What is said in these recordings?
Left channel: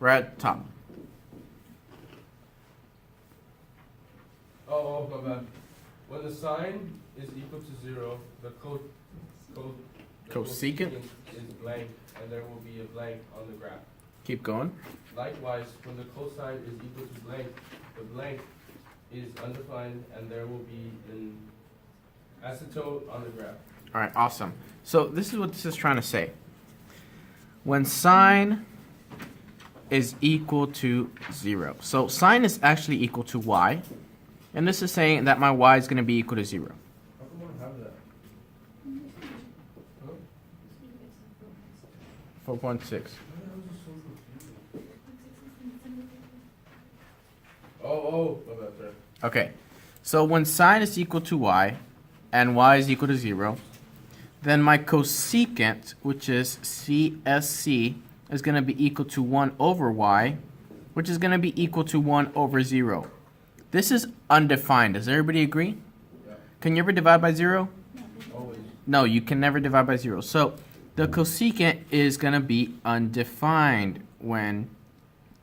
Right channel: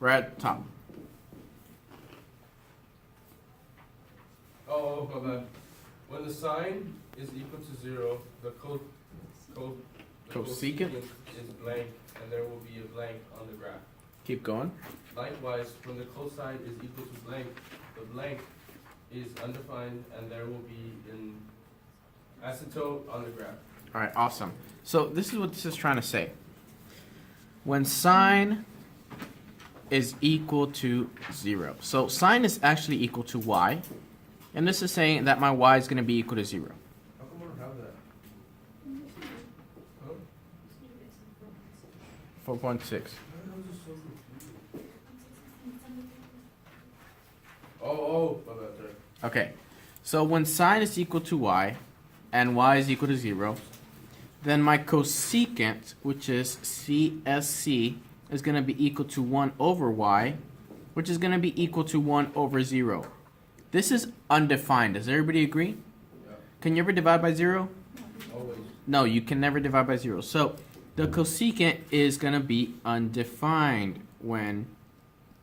right at the top. Oh, my bad. When the sine is equal to 0, the Cosecant is blank, and there will be a blank on the graph. Keep going. Likewise, when the cosine is equal to blank, the blank is undefined, and there will be an asymptote on the graph. All right, awesome. So this is what this is trying to say. When sine is equal to 0. So sine is actually equal to y. And this is saying that my y is going to be equal to 0. How come I don't have that? 4.6. Oh, my bad, sorry. Okay. So when sine is equal to y and y is equal to 0, then my cosecant, which is CSC, is going to be equal to 1 over y, which is going to be equal to 1 over 0. This is undefined. Does everybody agree? Yeah. Can you ever divide by 0? Always. No, you can never divide by 0. So the cosecant is going to be undefined when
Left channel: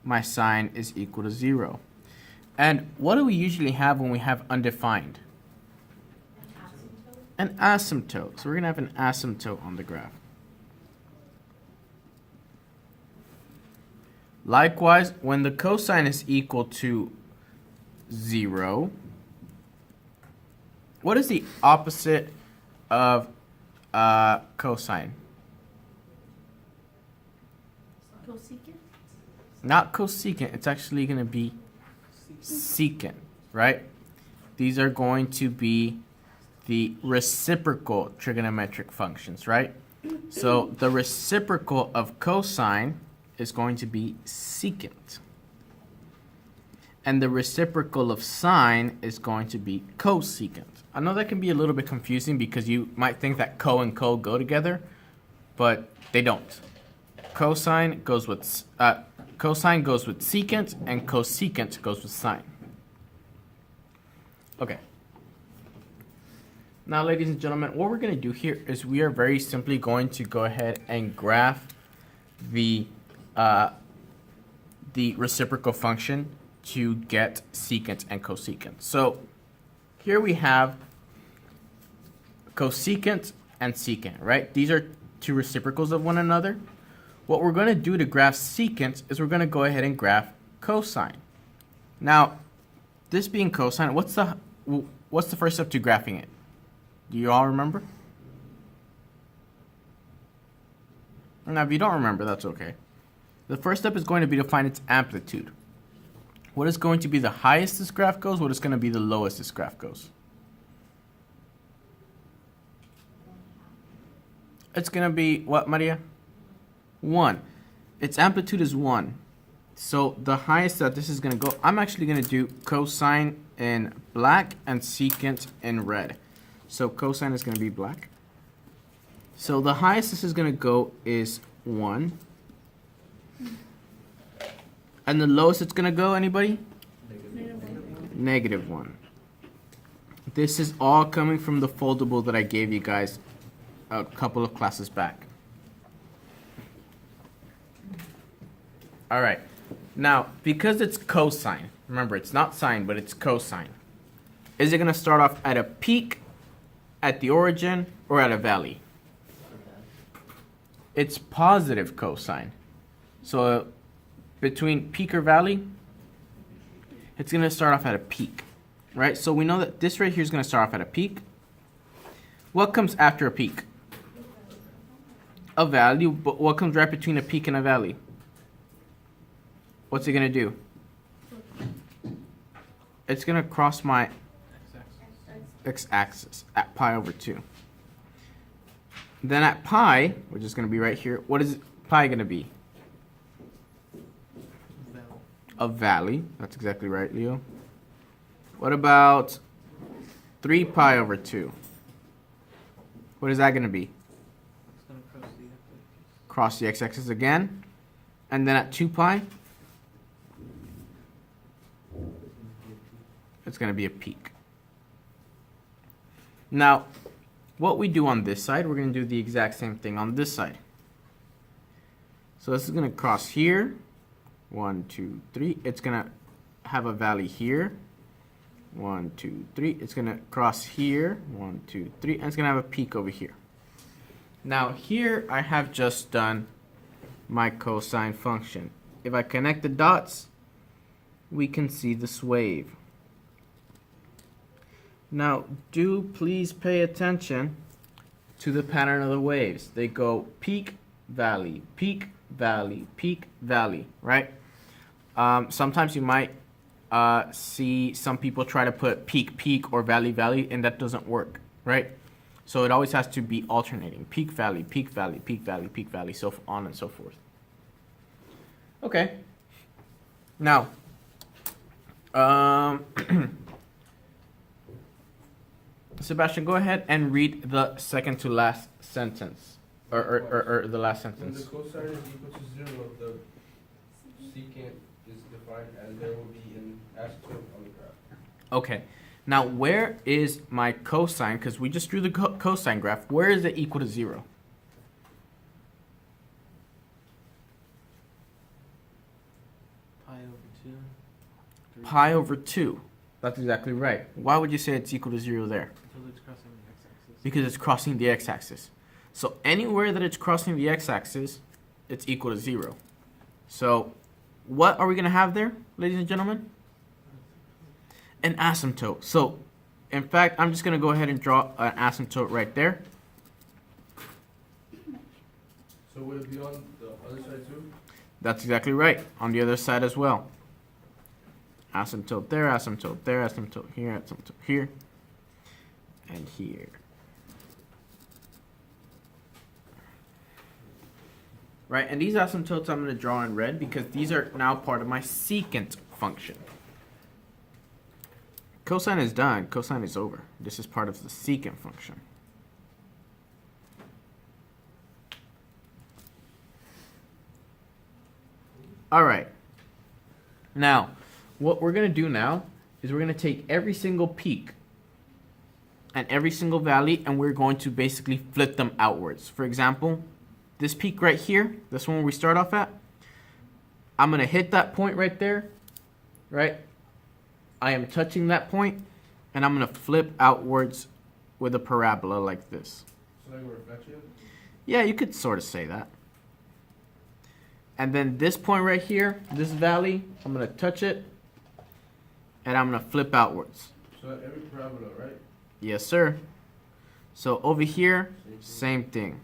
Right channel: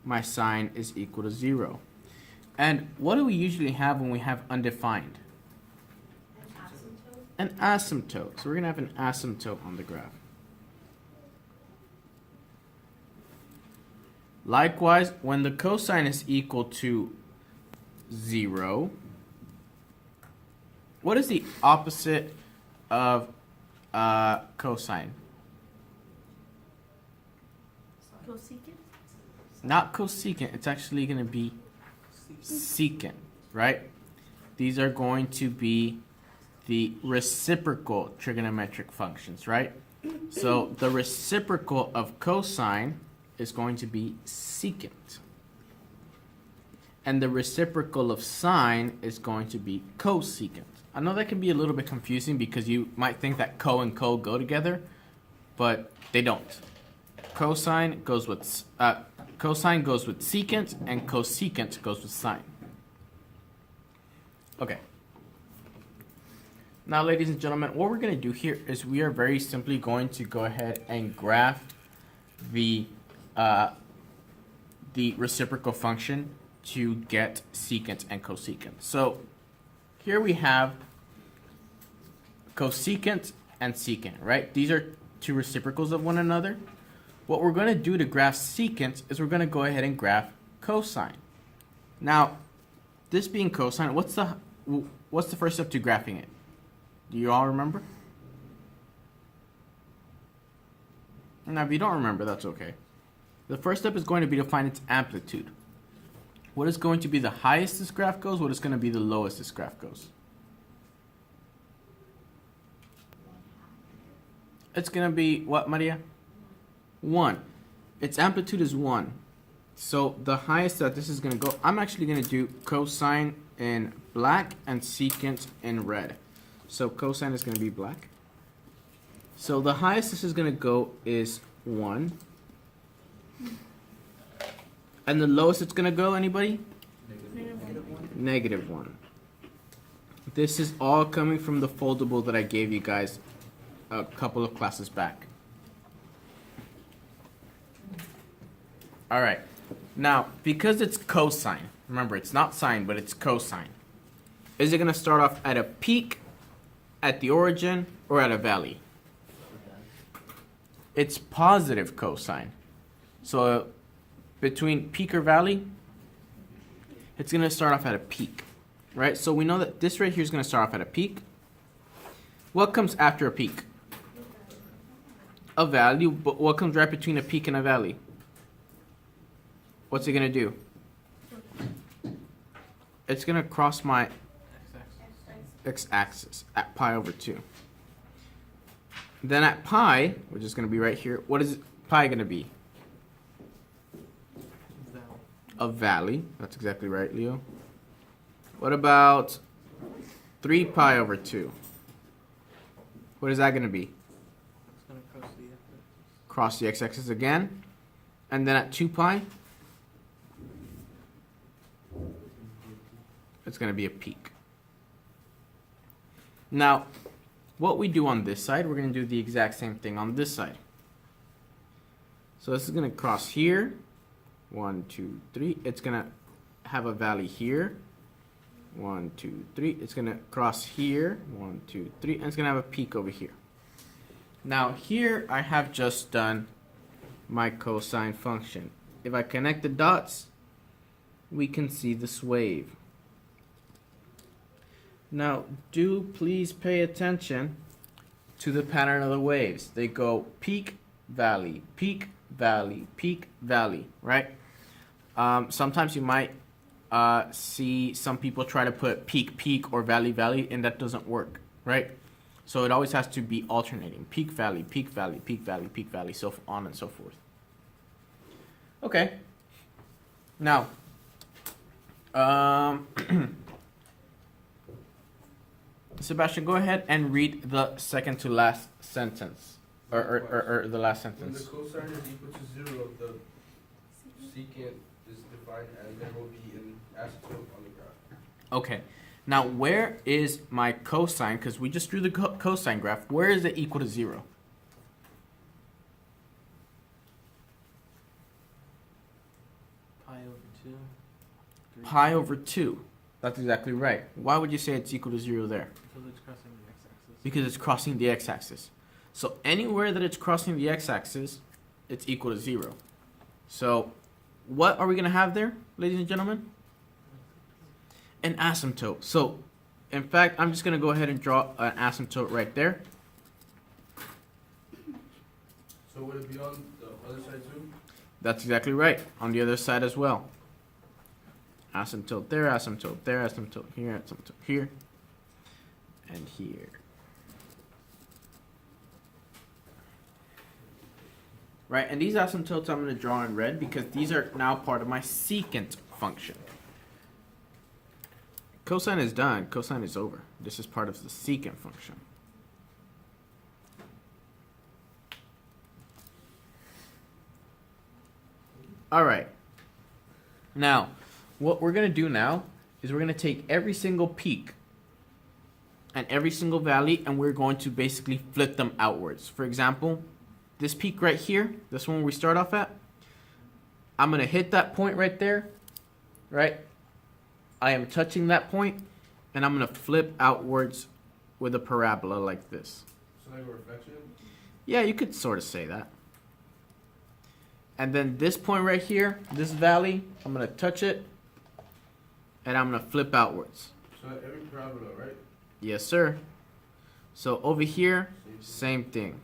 my sine is equal to 0. And what do we usually have when we have undefined? An asymptote. So we're going to have an asymptote on the graph. Likewise, when the cosine is equal to 0, what is the opposite of cosine? Cosecant? Not cosecant, it's actually going to be secant, right? These are going to be the reciprocal trigonometric functions, right? So the reciprocal of cosine is going to be secant. And the reciprocal of sine is going to be cosecant. I know that can be a little bit confusing because you might think that co and co go together, but they don't. Cosine goes with secant, and cosecant goes with sine. Okay. Now, ladies and gentlemen, what we're going to do here is we are very simply going to go ahead and graph the reciprocal function to get secant and cosecant. So here we have cosecant and secant, right? These are two reciprocals of one another. What we're going to do to graph secant is we're going to go ahead and graph cosine. Now, this being cosine, what's the first step to graphing it? Do you all remember? Now, if you don't remember, that's okay. The first step is going to be to find its amplitude. What is going to be the highest this graph goes? What is going to be the lowest this graph goes? It's going to be what, Maria? 1. Its amplitude is 1. So the highest that this is going to go, I'm actually going to do cosine in black and secant in red. So cosine is going to be black. So the highest this is going to go is 1. And the lowest it's going to go, anybody? Negative 1. This is all coming from the foldable that I gave you guys a couple of classes back. All right. Now, because it's cosine, remember it's not sine, but it's cosine. Is it going to start off at a peak, at the origin, or at a valley? It's positive cosine. So between peak or valley, it's going to start off at a peak, right? So we know that this right here is going to start off at a peak. What comes after a peak? A valley. But what comes right between a peak and a valley? What's it going to do? It's going to cross my x-axis at pi over 2. Then at pi, which is going to be right here, what is pi going to be? A valley. That's exactly right, Leo. What about 3 pi over 2? What is that going to be? It's going to cross the x-axis. Cross the x-axis again. And then at 2 pi, it's going to be a peak. Now, what we do on this side, we're going to do the exact same thing on this side. So this is going to cross here, 1, 2, 3. It's going to have a valley here. 1, 2, 3. It's going to cross here. 1, 2, 3. And it's going to have a peak over here. Now here I have just done my cosine function. If I connect the dots, we can see this wave. Now do please pay attention to the pattern of the waves. They go peak, valley, peak, valley, peak, valley, right? Sometimes you might see some people try to put peak, peak, or valley, valley, and that doesn't work, right? So it always has to be alternating. Peak, valley, peak, valley, peak, valley, peak, valley, so on and so forth. Okay. Now, Sebastian, go ahead and read the second to last sentence, or the last When sentence. the cosine is equal to 0, the secant is defined and there will be an asymptote on the graph. Okay. Now, where is my cosine? Because we just drew the cosine graph. Where is it equal to 0? Pi over 2. 3. Pi over 2. That's exactly right. Why would you say it's equal to 0 there? Because it's crossing the x-axis. Because it's crossing the x-axis. So anywhere that it's crossing the x-axis, it's equal to 0. So what are we going to have there, ladies and gentlemen? An asymptote. So, in fact, I'm just going to go ahead and draw an asymptote right there. So would it be on the other side too? That's exactly right. On the other side as well. Asymptote there, asymptote there, asymptote here, asymptote here, and here. Right, and these asymptotes I'm going to draw in red because these are now part of my secant function. Cosine is done. Cosine is over. This is part of the secant function. All right. Now, what we're going to do now is we're going to take every single peak and every single valley, and we're going to basically flip them outwards. For example, this peak right here, this one we start off at, I'm going to hit that point right there, right? I am touching that point, and I'm going to flip outwards with a parabola like this. So like a reflection? Yeah, you could sort of say that. And then this point right here, this valley, I'm going to touch it, and I'm going to flip outwards. So every parabola, right? Yes, sir. So over here, same thing.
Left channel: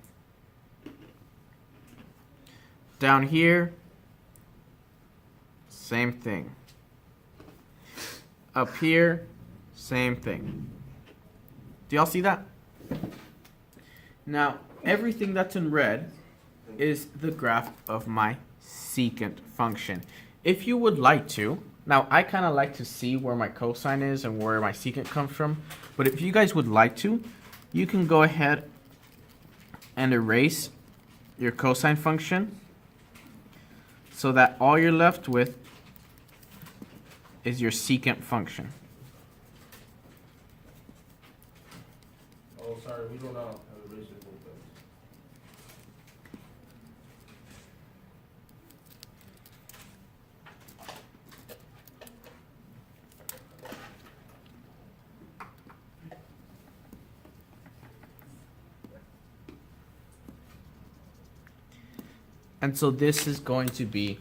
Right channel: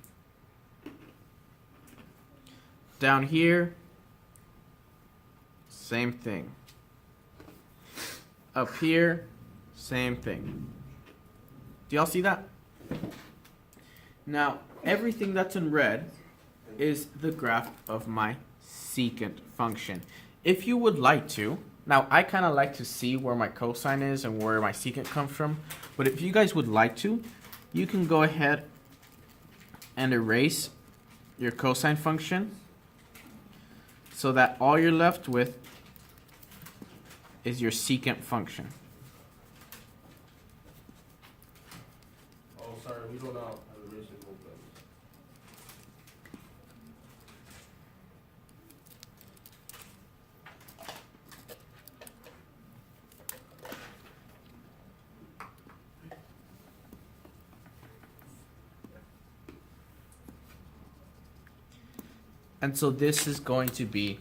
Down here, same thing. Up here, same thing. Do y'all see that? Now, everything that's in red is the graph of my secant function. If you would like to, now I kind of like to see where my cosine is and where my secant comes from, but if you guys would like to, you can go ahead and erase your cosine function so that all you're left with is your secant function. Oh, sorry, we don't know how to erase the whole thing. And so this is going to be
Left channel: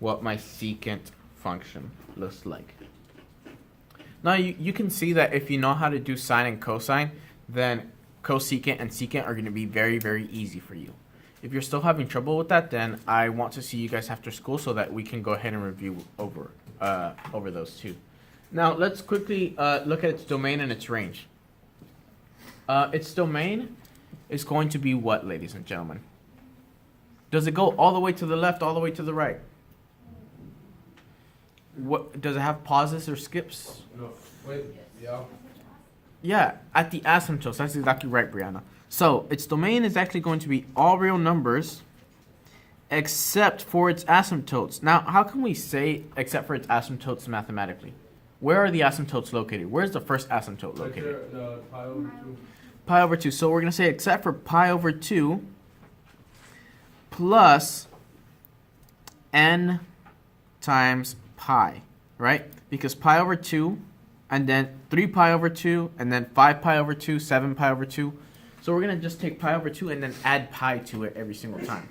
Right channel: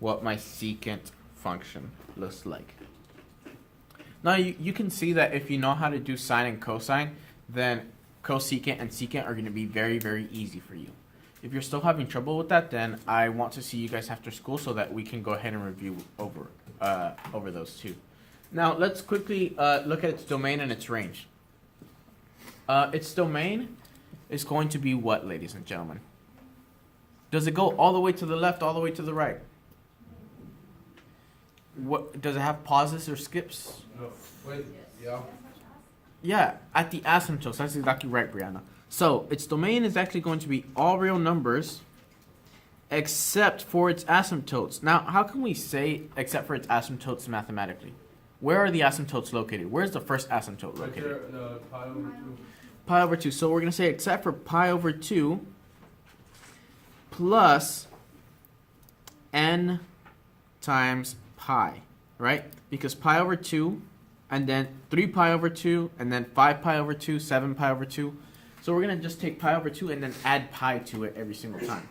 what my secant function looks like. Now you can see that if you know how to do sine and cosine, then cosecant and secant are going to be very, very easy for you. If you're still having trouble with that, then I want to see you guys after school so that we can go ahead and review over those two. Now let's quickly look at its domain and its range. Its domain is going to be what, ladies and gentlemen? Does it go all the way to the left, all the way to the right? What does it have pauses or skips? No, wait, yeah. Yeah, at the asymptotes. That's exactly right, Brianna. So its domain is actually going to be all real numbers except for its asymptotes. Now, how can we say except for its asymptotes mathematically? Where are the asymptotes located? Where's the first asymptote Right there, located? pi over 2. Pi over 2. So we're going to say except for pi over 2 plus n times pi, right? Because pi over 2, and then 3 pi over 2, and then 5 pi over 2, 7 pi over 2. So we're going to just take pi over 2 and then add pi to it every single time.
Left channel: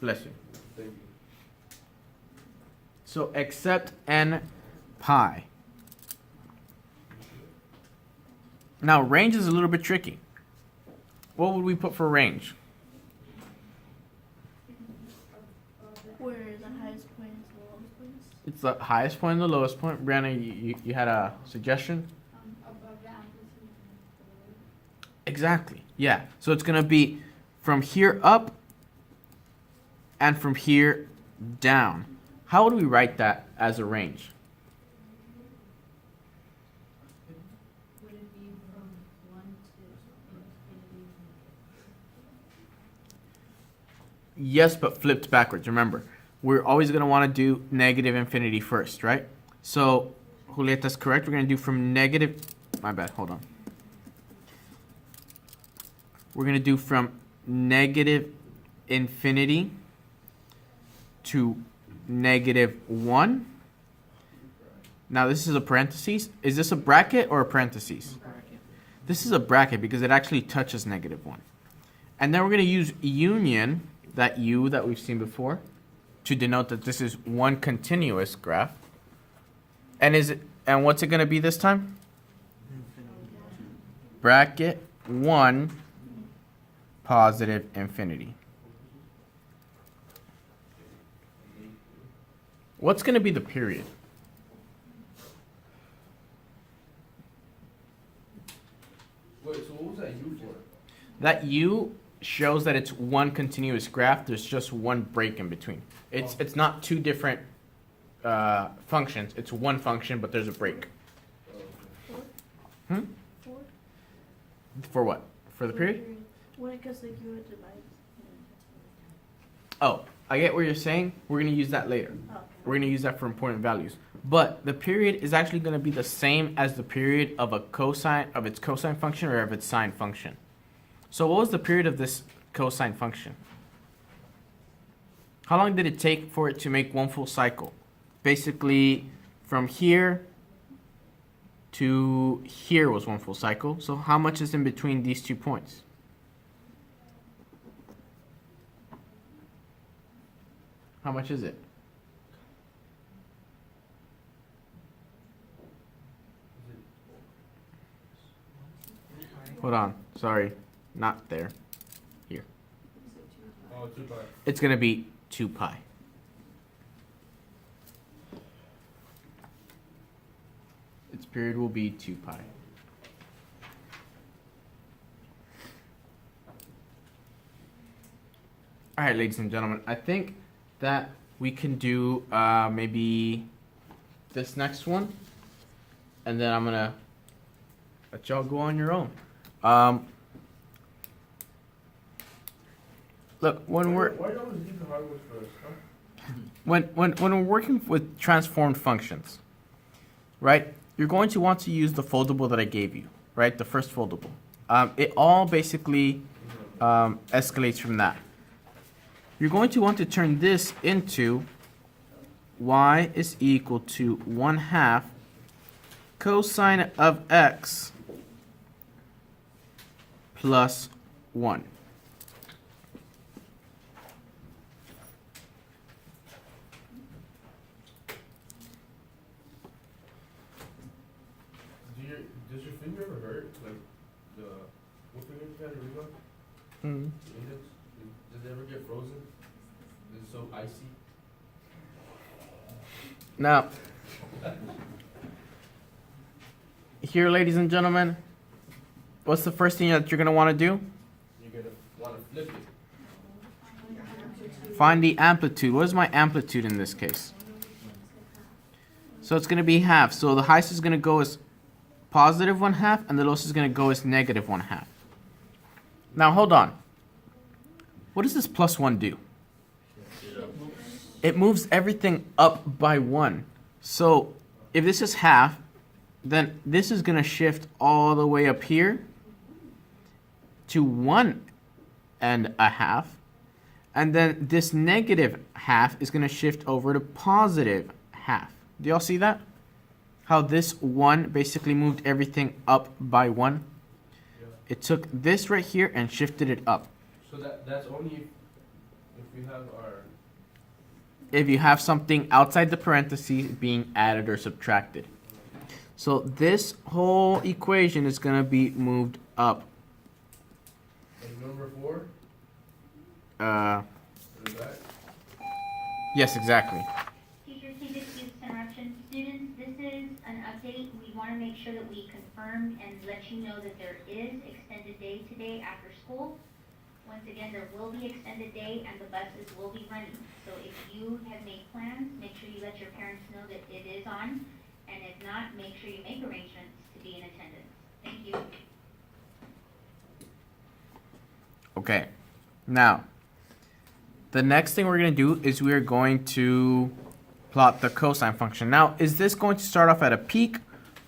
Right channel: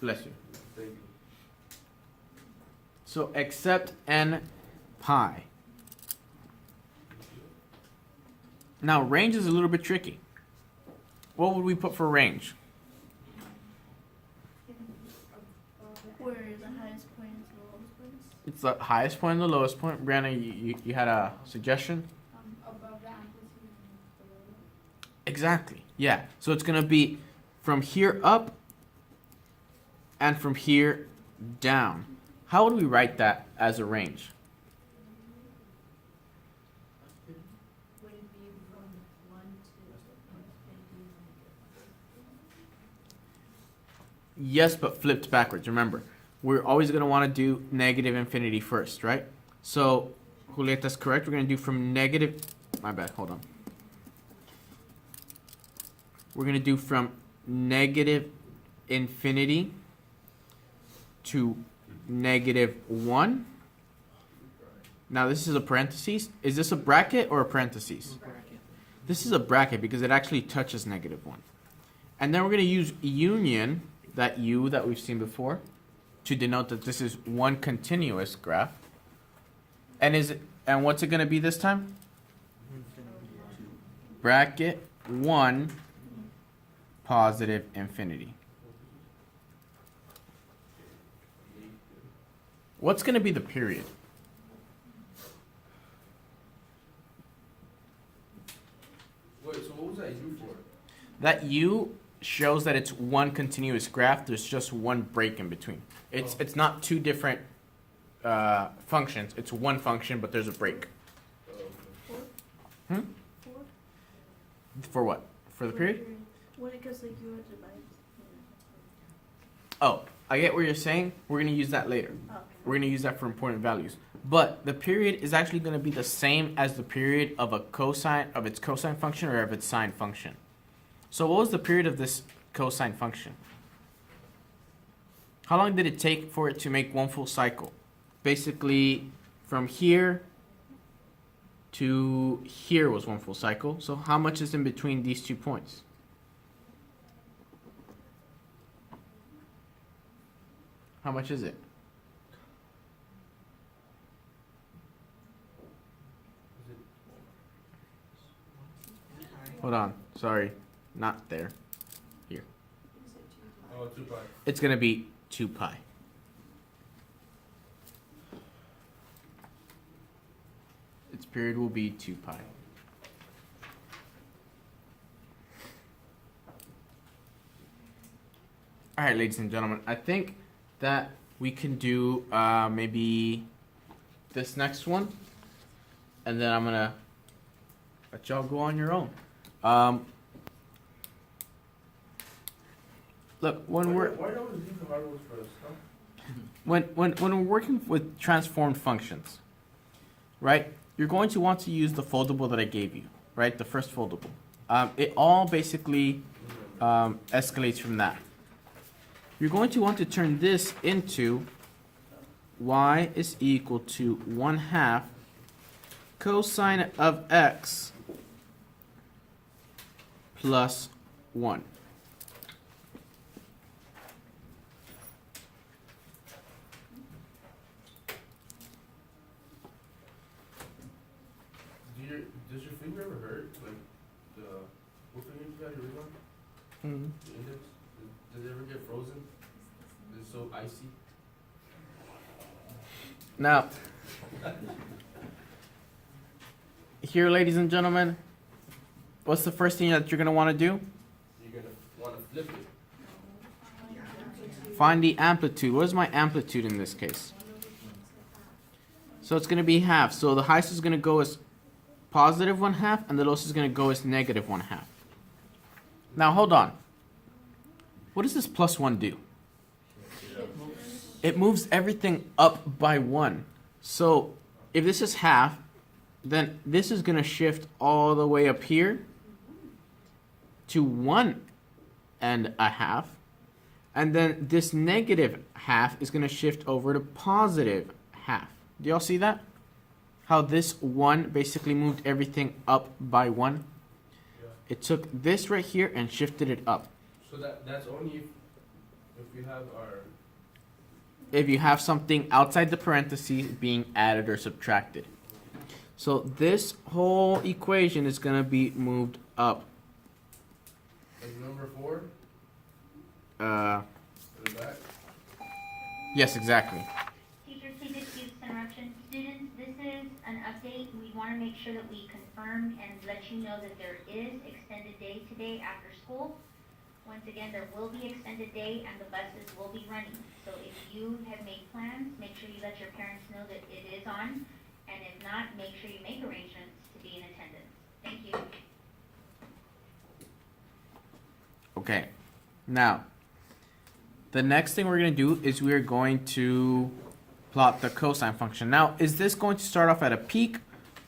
Bless you. Thank you. So accept n pi. Now range is a little bit tricky. What would we put for range? Where the highest point is the lowest point? It's the highest point and the lowest point. Brianna, you had a suggestion? Above the amplitude. Exactly. Yeah. So it's going to be from here up and from here down. How would we write that as a range? Would it be from 1 to infinity? Yes, but flipped backwards. Remember, we're always going to want to do negative infinity first, right? So, Julieta's correct. We're going to do from negative... My bad. Hold on. We're going to do from negative infinity to negative 1. Now, this is a parentheses. Is this a bracket or a parentheses? Bracket. This is a bracket because it actually touches negative 1. And then we're going to use union, that u that we've seen before, to denote that this is one continuous graph. And what's it going to be this time? Bracket 1 positive infinity. What's going to be the period? Wait, so what was that U for? That u shows that it's one continuous graph. There's just one break in between. It's not two different functions. It's one function, but there's a break. Hmm? 4? For what? For the period? Well, because the 0 divides. Oh, I get what you're saying. We're going to use that later. Oh. We're going to use that for important values. But the period is actually going to be the same as the period of a cosine, of its cosine function or of its sine function. So what was the period of this cosine function? How long did it take for it to make one full cycle? Basically, from here to here was one full cycle. So how much is in between these 2 points? How much is it? Hold on. Sorry. Not there. Here. Oh, 2 pi. It's going to be 2 pi. Its period will be 2 pi. All right, ladies and gentlemen, I think that we can do maybe this next one, and then I'm going to let y'all go on your own. Look, when we're Why don't we leave the hard ones first, huh? when we're working with transformed functions, right? You're going to want to use the foldable that I gave you, right? The first foldable. It all basically escalates from that. You're going to want to turn this into y is equal to 1/2 cosine of x plus 1. Does your finger ever hurt? Like what finger you got? Your ring on? Mm. The index? Does it ever get frozen? Is it so icy? Now, here, ladies and gentlemen, what's the first thing that you're going to want to do? You're gonna want to flip it. Find the amplitude. What is my amplitude in this case? So it's going to be half. So the highest is going to go as positive 1/2, and the lowest is going to go as negative 1/2. Now, hold on. What does this plus 1 do? It moves everything up by 1. So if this is half, then this is going to shift all the way up here to 1 1/2. And then this negative half is going to shift over to positive half. Do y'all see that? How this 1 basically moved everything up by 1? Yeah. It took this right here and shifted it up. So that's only if we have our. If you have something outside the parentheses being added or subtracted. So this whole equation is going to be moved up. Like number 4? To the back? Yes, exactly. Teacher, please excuse this interruption. Students, this is an update. We want to make sure that we confirm and let you know that there is extended day today after school. Once again, there will be extended day and the buses will be running. So if you have made plans, make sure you let your parents know that it is on. And if not, make sure you make arrangements to be in attendance. Thank you. Okay. Now, the next thing we're going to do is we're going to plot the cosine function. Now, is this going to start off at a peak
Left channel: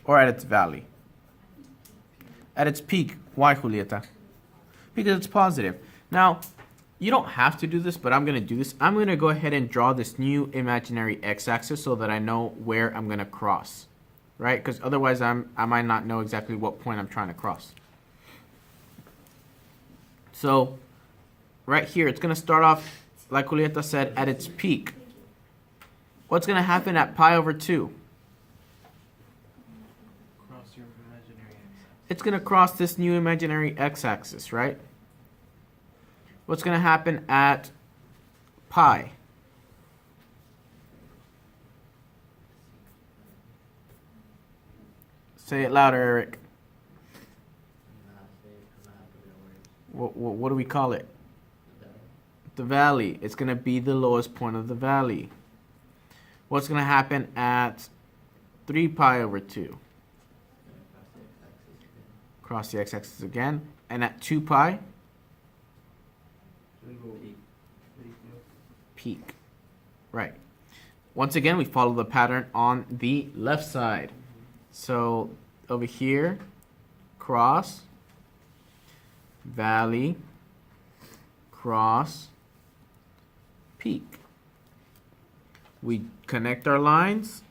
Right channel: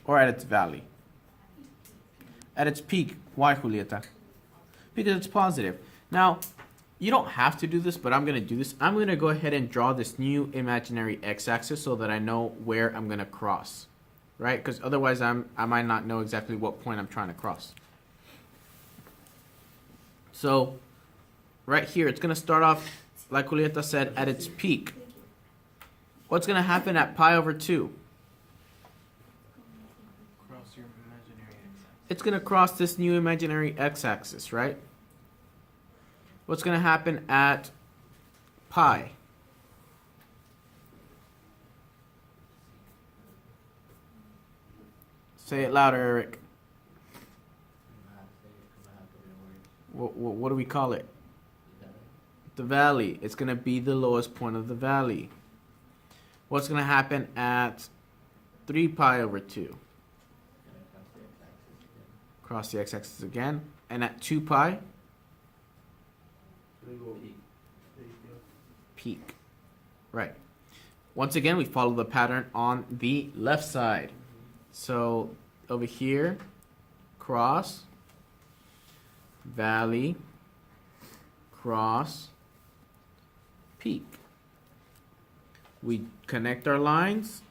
or at its valley? At its peak. Why, Julieta? Because it's positive. Now, you don't have to do this, but I'm going to do this. I'm going to go ahead and draw this new imaginary x-axis so that I know where I'm going to cross. Right? Because otherwise I might not know exactly what point I'm trying to cross. So, right here, it's going to start off, like Julieta said, at its peak. What's going to happen at pi over 2? Cross your imaginary x-axis. It's going to cross this new imaginary x-axis, right? What's going to happen at pi? Say it louder, Eric. What do we call it? The valley. It's going to be the lowest point of the valley. What's going to happen at 3 pi over 2? Cross the x-axis again. And at 2 pi? Peak. Right. Once again, we follow the pattern on the left side. So over here, cross, valley, cross, peak. We connect our lines.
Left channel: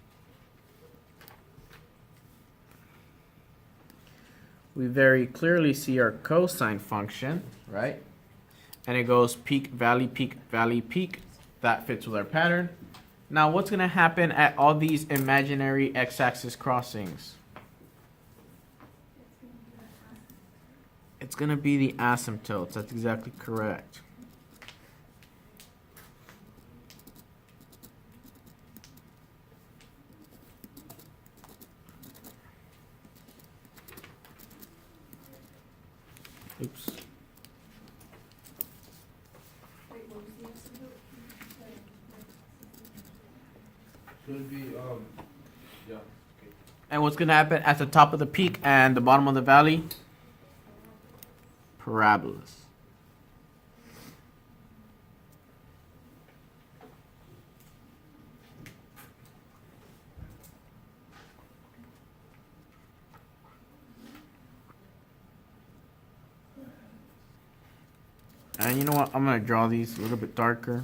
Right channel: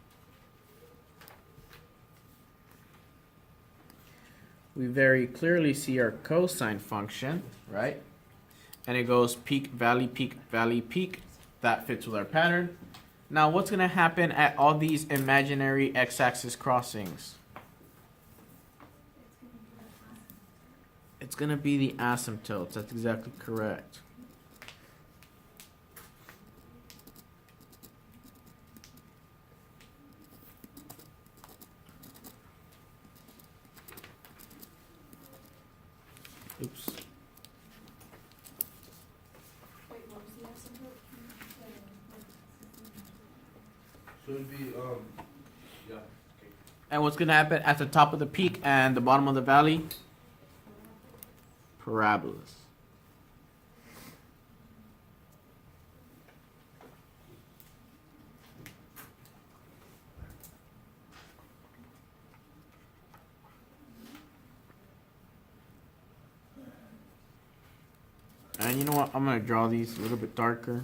We very clearly see our cosine function, right? And it goes peak, valley, peak, valley, peak. That fits with our pattern. Now, what's going to happen at all these imaginary x-axis crossings? It's going to be the asymptotes. That's exactly correct. Oops. So it'd be, yeah. Okay. And what's going to happen at the top of the peak and the bottom of the valley? Parabolas. And you know what? I'm going to draw these a little bit darker.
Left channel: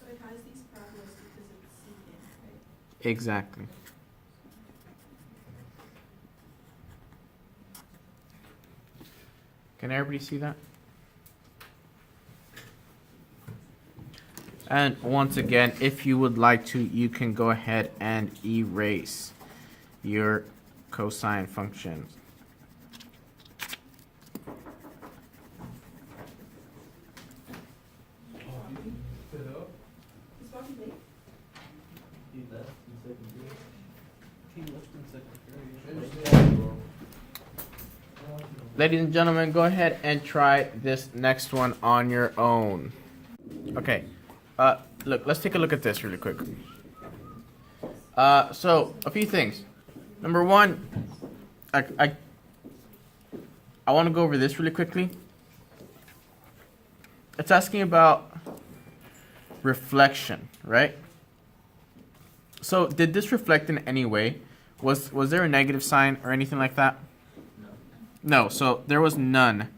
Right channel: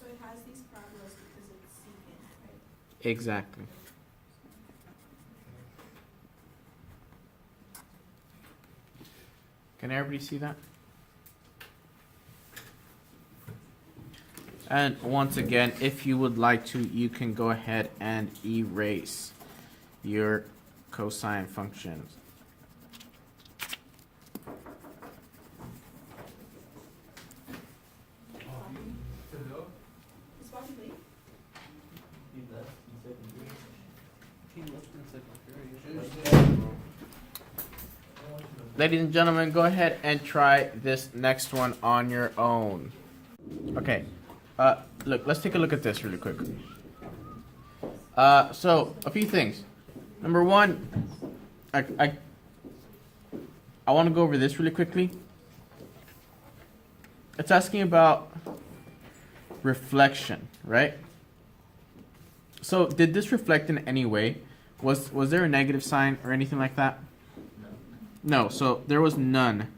So it has these parabolas because it's secant, right? Exactly. Can everybody see that? And once again, if you would like to, you can go ahead and erase your cosine functions. Is Bobby late? He left in second grade. He left in second period. Ladies and gentlemen, go ahead and try this next one on your own. Okay. Look, let's take a look at this really quick. So a few things. Number one, I want to go over this really quickly. It's asking about reflection, right? So did this reflect in any way? Was there a negative sign or anything like that? No, so there was none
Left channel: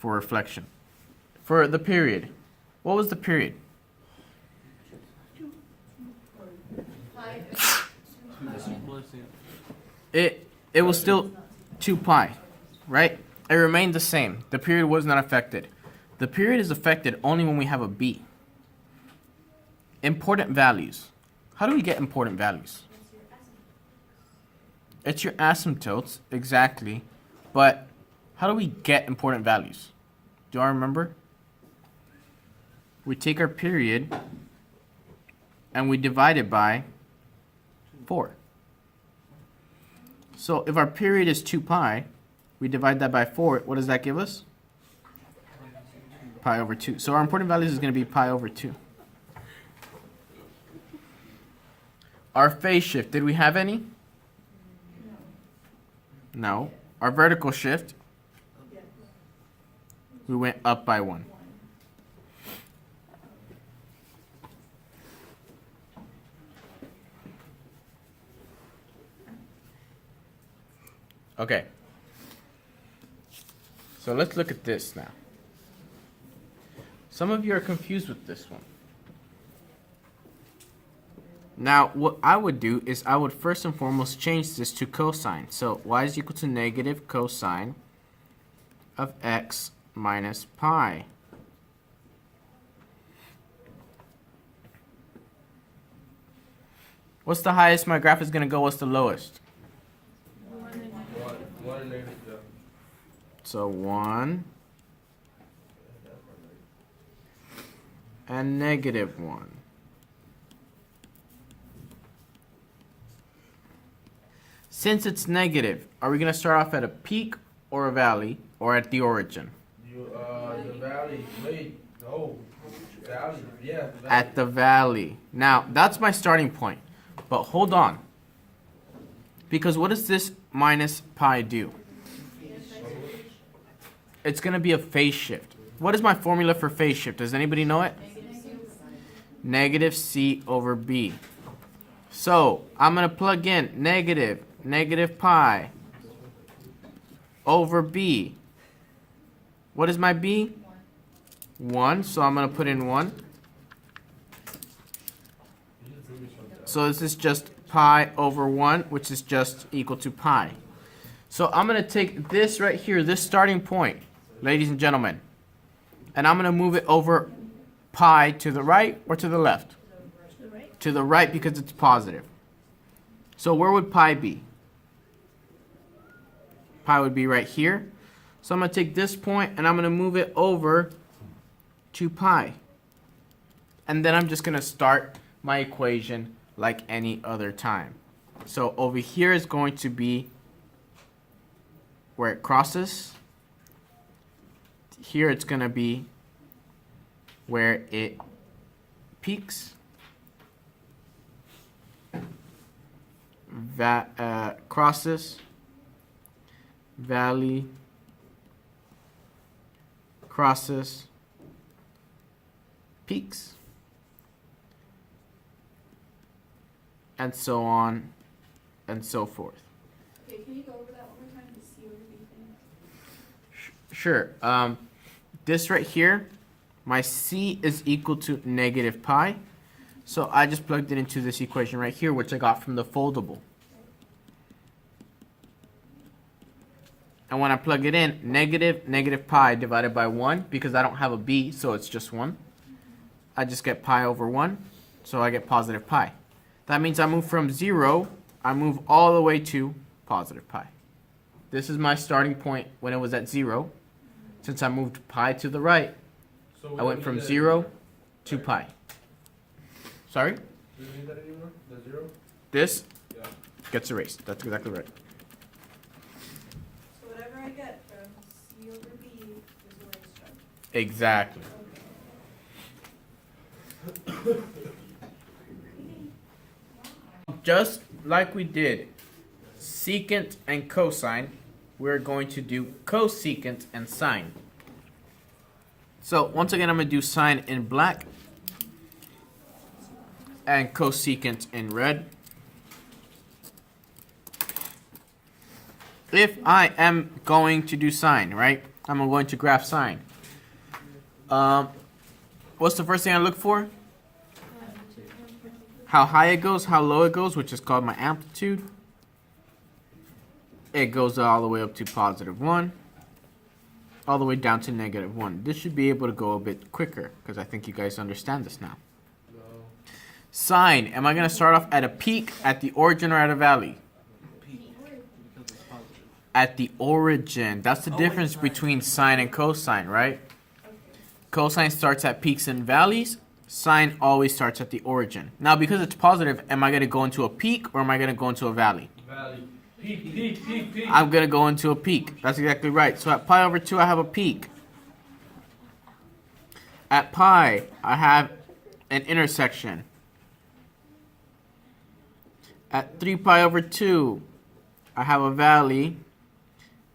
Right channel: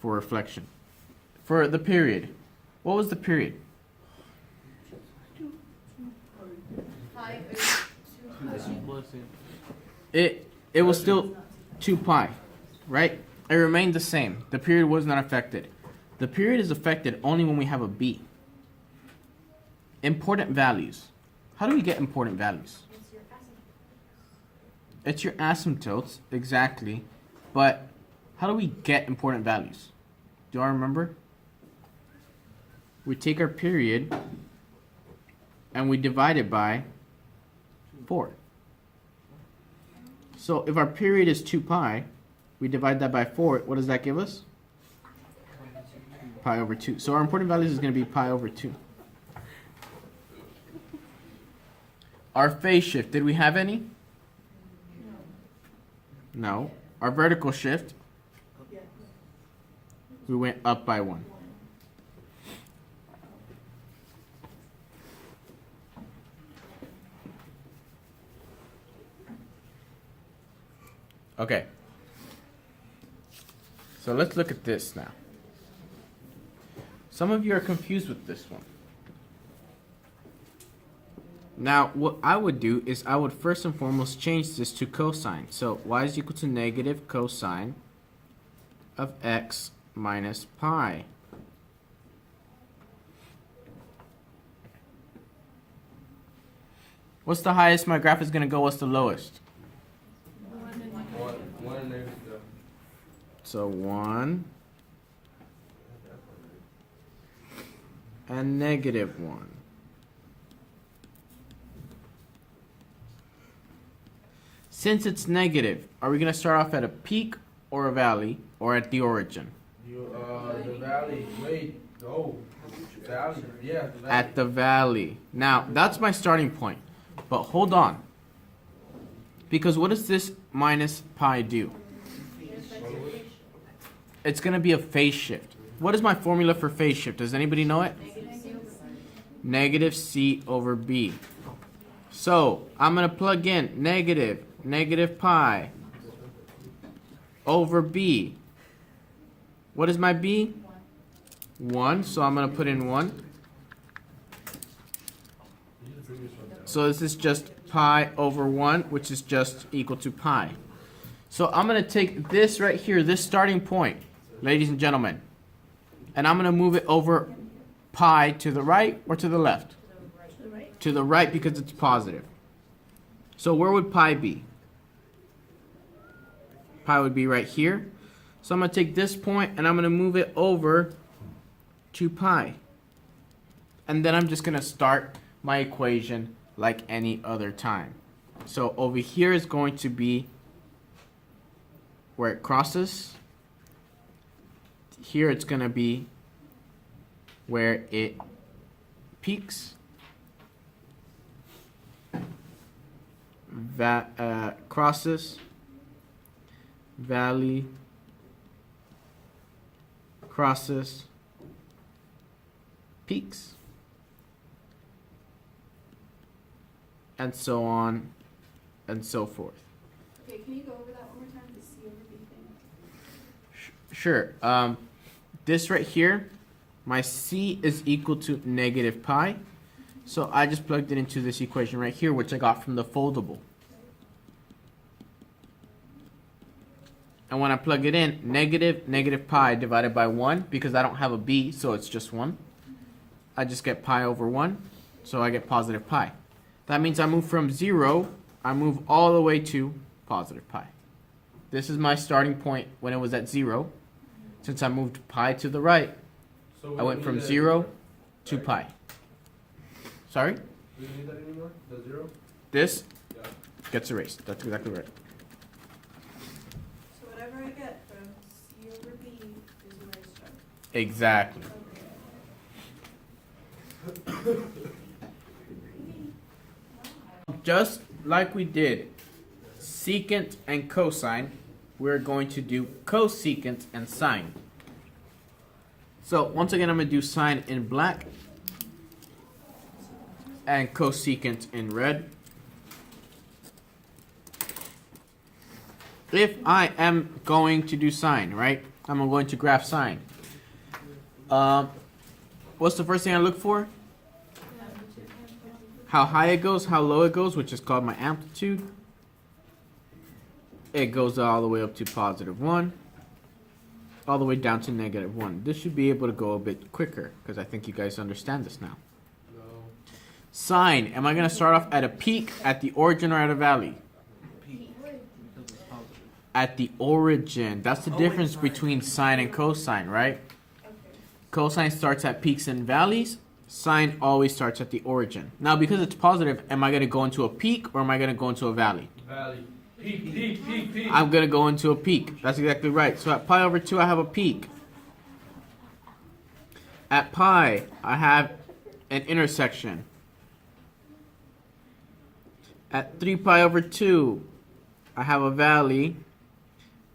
for reflection. For the period, what was the period? It was still 2 pi, right? It remained the same. The period was not affected. The period is affected only when we have a b. Important values. How do we get important values? It's your asymptotes, exactly. But how do we get important values? Do y'all remember? We take our period and we divide it by 4. So if our period is 2 pi, we divide that by 4, what does that give us? Pi over 2. So our important values is going to be pi over 2. Our phase shift, did we have any? No. Our vertical shift, we went up by 1. Okay. So let's look at this now. Some of you are confused with this one. Now, what I would do is I would first and foremost change this to cosine. So y is equal to negative cosine of x minus pi. What's the highest my graph is going to go? What's the lowest? 1 negative. So 1 and negative 1. Since it's negative, are we going to start off at a peak or a valley or at the origin? The valley. Wait. No. Valley. Yeah. The valley. At the valley. Now, that's my starting point. But hold on. Because what does this minus pi do? It's going to be a phase shift. What is my formula for phase shift? Does anybody know it? Negative C over B. So, I'm going to plug in negative pi over B. What is my B? 1. So, I'm going to put in 1. So, this is just pi over 1, which is just equal to pi. So, I'm going to take this right here, this starting point, ladies and gentlemen, and I'm going to move it over pi to the right or to the left? To the right because it's positive. So where would pi be? Pi would be right here. So I'm going to take this point and I'm going to move it over to pi. And then I'm just going to start my equation like any other time. So over here is going to be where it crosses. Here it's going to be where it peaks. Crosses, valley, crosses, peaks, and so on and so forth. Okay, can you go over that one more time, the C over B thing? Sure. This right here, my C is equal to negative pi. So I just plugged it into this equation right here, which I got from the foldable. And when I plug it in, negative pi divided by 1, because I don't have a b, so it's just 1. I just get pi over 1, so I get positive pi. That means I move from 0, I move all the way to positive pi. This is my starting point when it was at 0. Since I moved pi to the right, So I went from 0 to pi. Sorry? Do you need that anymore? The 0? This Yeah. gets erased. That's exactly right. So whatever I get from C over B is erased from. Exactly. Just like we did secant and cosine, we're going to do cosecant and sine. So once again, I'm going to do sine in black and cosecant in red. If I am going to do sine, right? I'm going to graph sine. What's the first thing I look for? How high it goes, how low it goes, which is called my amplitude. It goes all the way up to +1, all the way down to -1. This should be able to go a bit quicker because I think you guys understand this now. No. Sine, am I going to start off at a peak, at the origin, or at a valley? Peak, because it's positive. At the origin. That's the Oh, wait, difference sorry. between sine and cosine, right? Cosine starts at peaks and valleys. Sine always starts at the origin. Now, because it's positive, am I going to go into a peak or am I going to go into a valley? Valley. Peak. I'm going to go into a peak. That's exactly right. So at pi over 2, I have a peak. At pi, I have an intersection. At 3 pi over 2, I have a valley.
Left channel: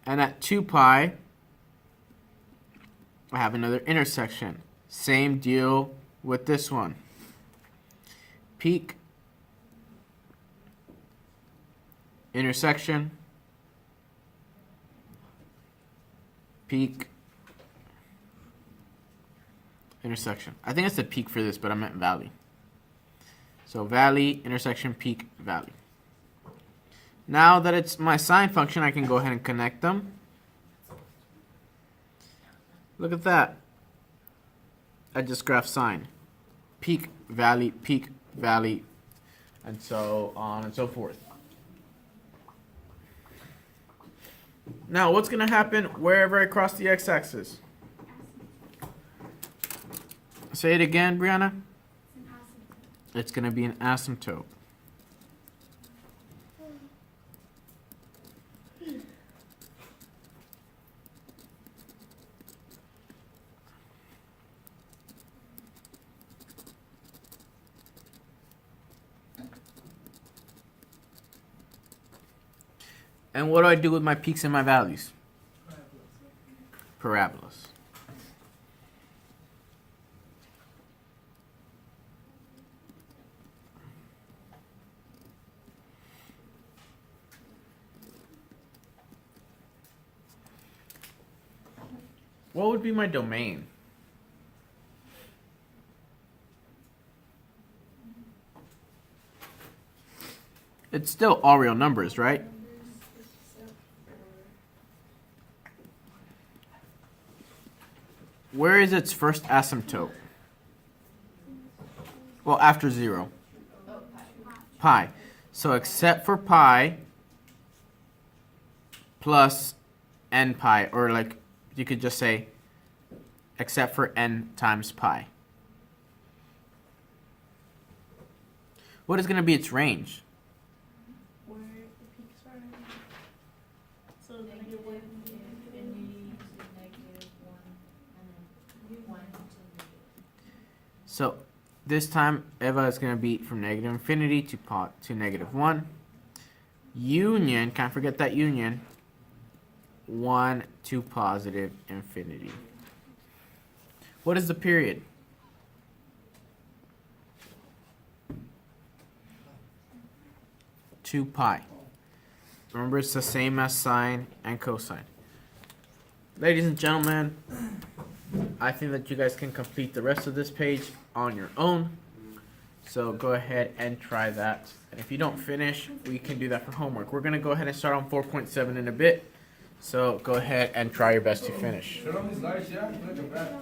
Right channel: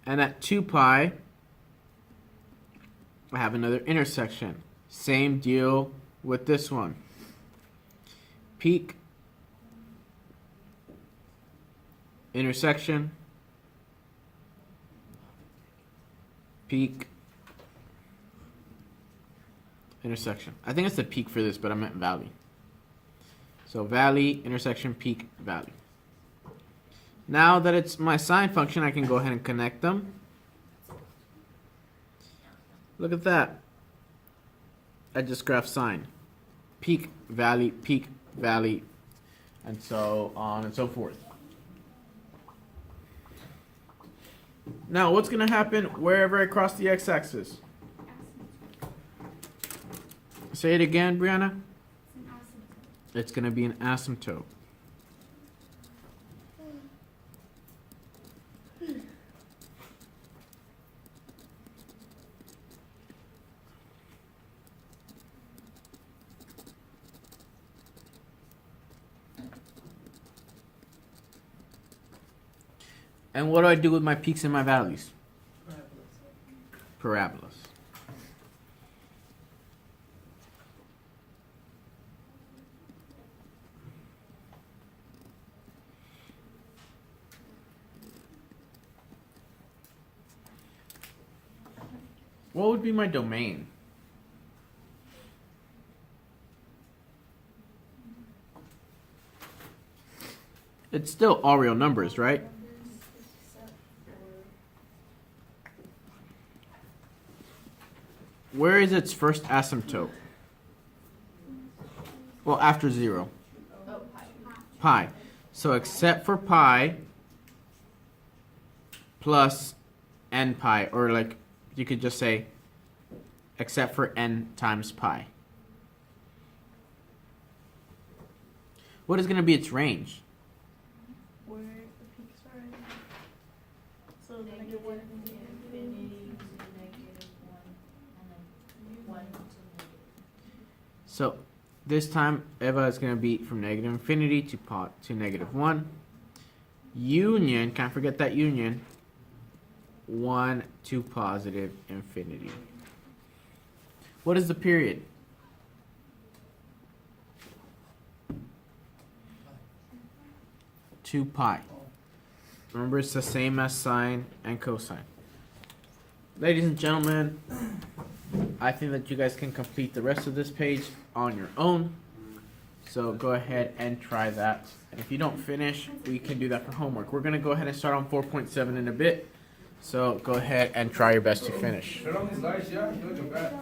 And at 2 pi, I have another intersection. Same deal with this one. Peak, intersection, peak, intersection. I think it's the peak for this, but I meant valley. So valley, intersection, peak, valley. Now that it's my sine function, I can go ahead and connect them. Look at that. I just graphed sine. Peak, valley, and so on and so forth. Now, what's going to happen wherever I cross the x-axis? Say it again, Brianna. It's going to be an asymptote. And what do I do with my peaks and my valleys? Parabolas. What would be my domain? It's still all real numbers, right? Where is its first asymptote? Well, after 0. Pi. So except for pi plus n pi, or like you could just say except for n times pi. What is going to be its range? Where the peaks are. So negative one, infinity. So this time Eva is going to be from negative infinity to -1. Union, can't forget that union, 1 to positive infinity. What is the period? Two pi. Remember, it's the same as sine and cosine. Ladies and gentlemen, I think that you guys can complete the rest of this page on your own. So go ahead and try that. And if you don't finish, we can do that for homework. We're going to go ahead and start on 4.7 in a bit. So go ahead and try your best to finish. Turn on these lights, yeah? You're looking bad.